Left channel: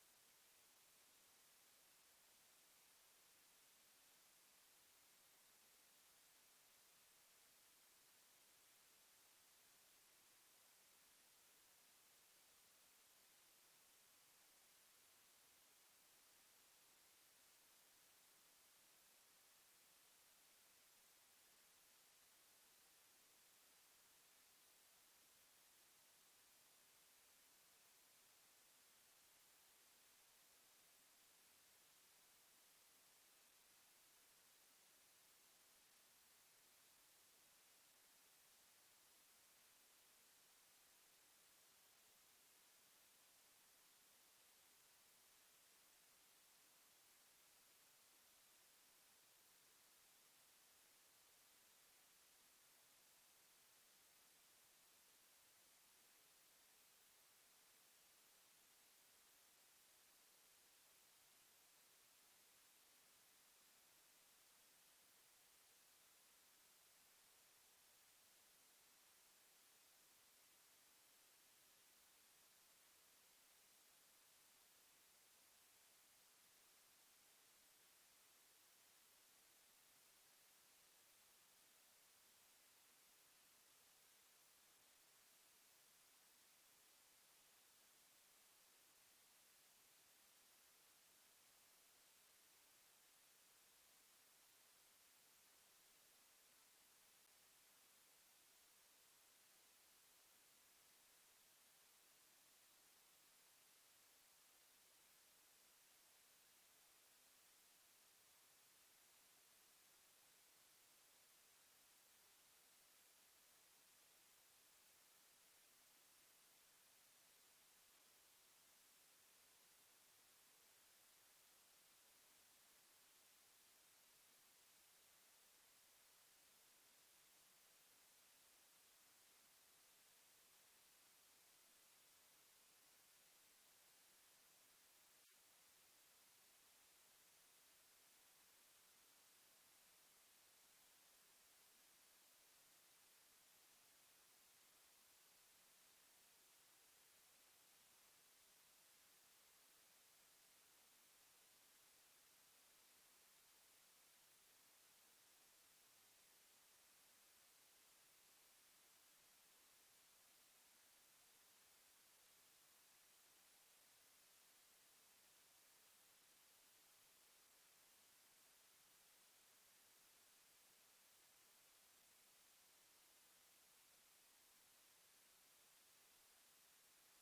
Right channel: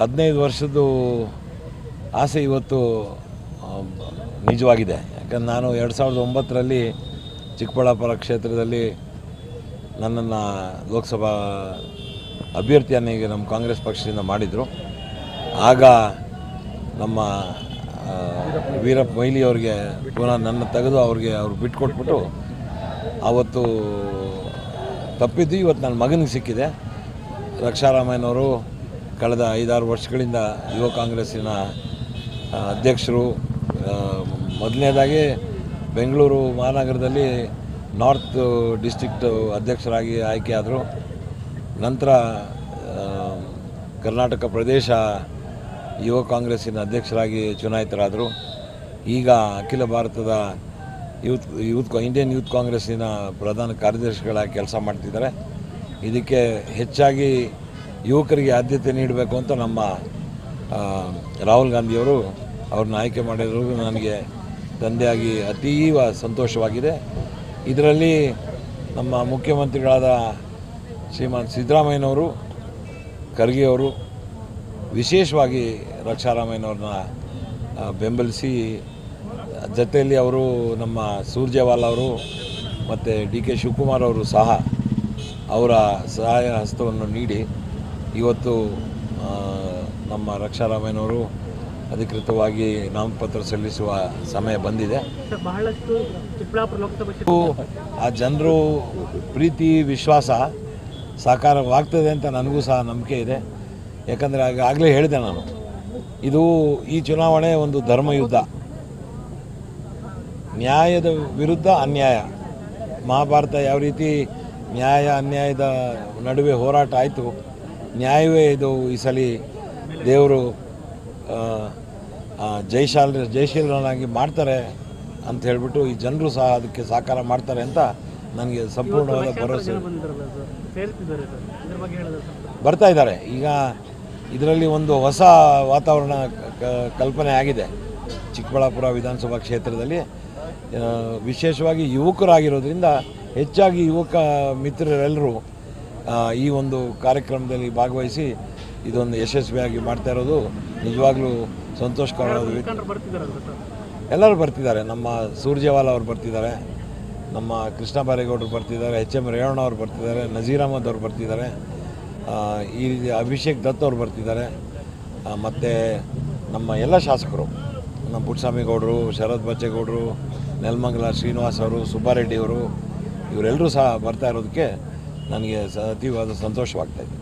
15 ವರ್ಷದ್ದು ಆಸೆ ಇವತ್ತು ನಿಜವಾಗಿದೆ. ಯಾಕಂದ್ರೆ ನಾನು 2009ರಲ್ಲಿ ಚಿಕ್ಕಬಳ್ಳಾಪುರ ಕ್ಷೇತ್ರದಲ್ಲಿ ನನ್ನನ್ನು ಲೋಕಸಭಾ ಅಭ್ಯರ್ಥಿಯನ್ನಾಗಿ ನಮ್ಮ ಕಾಂಗ್ರೆಸ್ ಪಕ್ಷದಿಂದ ಮಾಡಿದರು. ಆಗ ನಮ್ಮ ವೀರಪ್ಪ ಮೊಯ್ಲಿ ಅವ್ರಿಗೆ ಪುನಃ ನನ್ನ ತೆಗೆದು ಅವ್ರು ಬಿಟ್ಕೊಟ್ಬಿಟ್ಟು ಆವತ್ತು ತಪ್ಪಿದ್ದು ಇವತ್ತು ನನ್ನ ಮಗನಿಗೆ ಸಿಕ್ಕಿದೆ. ರಕ್ಷಾರಾಮಯ್ಯನವರು ಕಳೆದ 5-6 ವರ್ಷಗಳಿಂದ ಯುವ ಕಾಂಗ್ರೆಸ್ಸಿನ ಅಧ್ಯಕ್ಷರು. ಮೊದಲನೇದಾಗಿ ಬೆಂಗಳೂರು ಮಹಾನಗರದಲ್ಲಿ ನಾರ್ತ್ ಡಿಸ್ಟ್ರಿಕ್ಟ್ ಅಧ್ಯಕ್ಷರಾಗಿ ಆಯ್ಕೆಯಾದರು. ನಂತರ ಕರ್ನಾಟಕ ಪ್ರದೇಶ ಯುವ ಕಾಂಗ್ರೆಸ್ಸಿನ ಅಧ್ಯಕ್ಷರಾಗಿ ಚುನಾಯಿತರಾದರು. ಈಗ ಅಖಿಲ ಭಾರತದ ಇಂಡಿಯನ್ ಯೂತ್ ಕಾಂಗ್ರೆಸ್ಸಿನ ಪ್ರಧಾನ ಕಾರ್ಯದರ್ಶಿಗಳಾಗಿ ಕೆಲಸ ಮಾಡ್ತಿದ್ದಾರೆ. ಇದಕ್ಕೆ ಹೆಚ್ಚಾಗಿ ಯುವಕರಿಗೆ ಆದ್ಯತೆ ನೀಡಬೇಕು ಅಂತ ನಮ್ಮ ರಾಹುಲ್ ಗಾಂಧಿಯವರು ಅವ್ರನ್ನ ಆಯ್ಕೆ ಮಾಡಿರೋದು ನನಗೆ ತಂದೆಯಾಗಿ ಅತೀವ ಸಂತೋಷವಾಗಿದೆ. ಇದರಲ್ಲಿ ನಮ್ಮ ಮುಖ್ಯಮಂತ್ರಿಗಳಾದ ಶ್ರೀಮಾನ್ ಸಿದ್ದರಾಮಯ್ಯನವರು, ಖರ್ಗೆ ಅವರು ವಿಶೇಷವಾಗಿ ರಕ್ಷಾರಾಮಯ್ಯನವ್ರನ್ನ ಬೆಂಬಲಿಸಿ, ಜೊತೆಯಲ್ಲಿ ಅವರು ನಮ್ಮ ಸುರ್ಜೇವಾಲಾ ಅವರು ಮತ್ತು ಡಿ ಕೆ ಶಿವಕುಮಾರ್ ಅವರು ಸಹ ಅವರ ಸಹಾಯ ಹಸ್ತವನ್ನು ನೀಡಿ ಇವತ್ತು ನಮ್ಮ ರಕ್ಷಾರಾಮಯ್ಯನವರು ಅಧಿಕೃತವಾಗಿ ನಾಮಪತ್ರ ಸಲ್ಲಿಸುವ ಸಮಯ ಬಂದಿದೆ. ಆ ಜನರು ಪ್ರೀತಿ ವಿಶ್ವಾಸ ಸಾಕಾರವಾಗ್ತದೆ ಅಂತ ನನಗೂ ಸಹ ನಂಬಿಕೆ ಇದೆ. ಯಾಕಂದರೆ ಆಗಲೇ ಹೇಳಿದೆ ನಾನು, ಈ ಚುನಾವಣೆ ಒಂದು ಧರ್ಮಯುದ್ಧ. ನ್ಯಾಯದ ವಿರುದ್ಧ ಅನ್ಯಾಯ. ಮಹಾಭಾರತ ಯಾವ ರೀತಿ ನ್ಯಾಯ ಅನ್ಯಾಯದ ನಡುವೆ ಹೋರಾಟ ಆಯಿತು, ನ್ಯಾಯವೇ ಇದು ಈ ಸಲ ದೇವರು ಜಯಶೀಲನಾಗಿ ಮಾಡ್ತಾರೆ ಅಂತ ಹೇಳಿಬಿಟ್ಟು ಈ ಜನರು ಸಹ ಅದಕ್ಕೆ ಸಾಕಾರ ಮಾಡ್ತಾರೆ ಅಂತ ನನಗೆ ಸಂಪೂರ್ಣವಾದ ಭರವಸೆ. ಬರ್ತಾ ಇದ್ದಾರೆ. ಈಗ ಇದರಲ್ಲಿ ಒಂದು ಹೊಸ ವಾತಾವರಣ ಕಲ್ಪನೆ ಆಗಿದೆ ಚಿಕ್ಕಬಳ್ಳಾಪುರ ವಿಧಾನಸಭಾ ಕ್ಷೇತ್ರದಲ್ಲಿ. ವಿಶೇಷವಾಗಿ ಯುವಕರಾಗಿರೋದ್ರಿಂದ ಹೆಚ್ಚಾಗಿ ಯುವಕ ಮಿತ್ರರೆಲ್ಲರೂ ಈ ಒಂದು ಕಾರ್ಯಕ್ರಮದಲ್ಲಿ ಭಾಗವಹಿಸಿ ಇದೊಂದು ಯಶಸ್ವಿಯಾಗಿ ಮಾಡ್ತಾ ಇರೋದು ನಿಜವಾಗ್ಲೂ ಸಂತೋಷಕರವಾದ. ಎಲ್ಲರೂ ಬರ್ತಿದ್ದಾರೆ. ನಮ್ಮ ಸುರ್ಜೇವಾಲಾ ಅವರು ಬರ್ತಿದ್ದಾರೆ, ನಮ್ಮ ಕೃಷ್ಣ ಬೈರೇಗೌಡರು ಬರ್ತಿದ್ದಾರೆ, ಎಚ್ ಎಂ ರೇವಣ್ಣ ಅವರು ಬರ್ತಿದ್ದಾರೆ, ನಜೀರ್ ಅಹಮದ್ ಅವರು ಬರ್ತಿದ್ದಾರೆ, ಈ ರೀತಿ ಅಭಿಷೇಕ್ ದತ್ ಅವರು ಬರ್ತಿದ್ದಾರೆ, ಮತ್ತು ನಮ್ಮ ಎಲ್ಲ ಶಾಸಕರು, ನಮ್ಮ ಪುಟ್ಟಸ್ವಾಮಿ ಗೌಡರು, ಶರತ್ ಬಚ್ಚೇಗೌಡರು, ನೆಲಮಂಗಲ ಶ್ರೀನಿವಾಸ್ ಅವರು, ಸುಬ್ಬಾರೆಡ್ಡಿ ಅವರು, ಇವರೆಲ್ಲರೂ ಸಹ ಬರ್ತಾ ಇರೋದಕ್ಕೆ ನನಗೆ ಅತೀವಾದ ಸಂತೋಷವಾಗ್ತಾಯಿದೆ.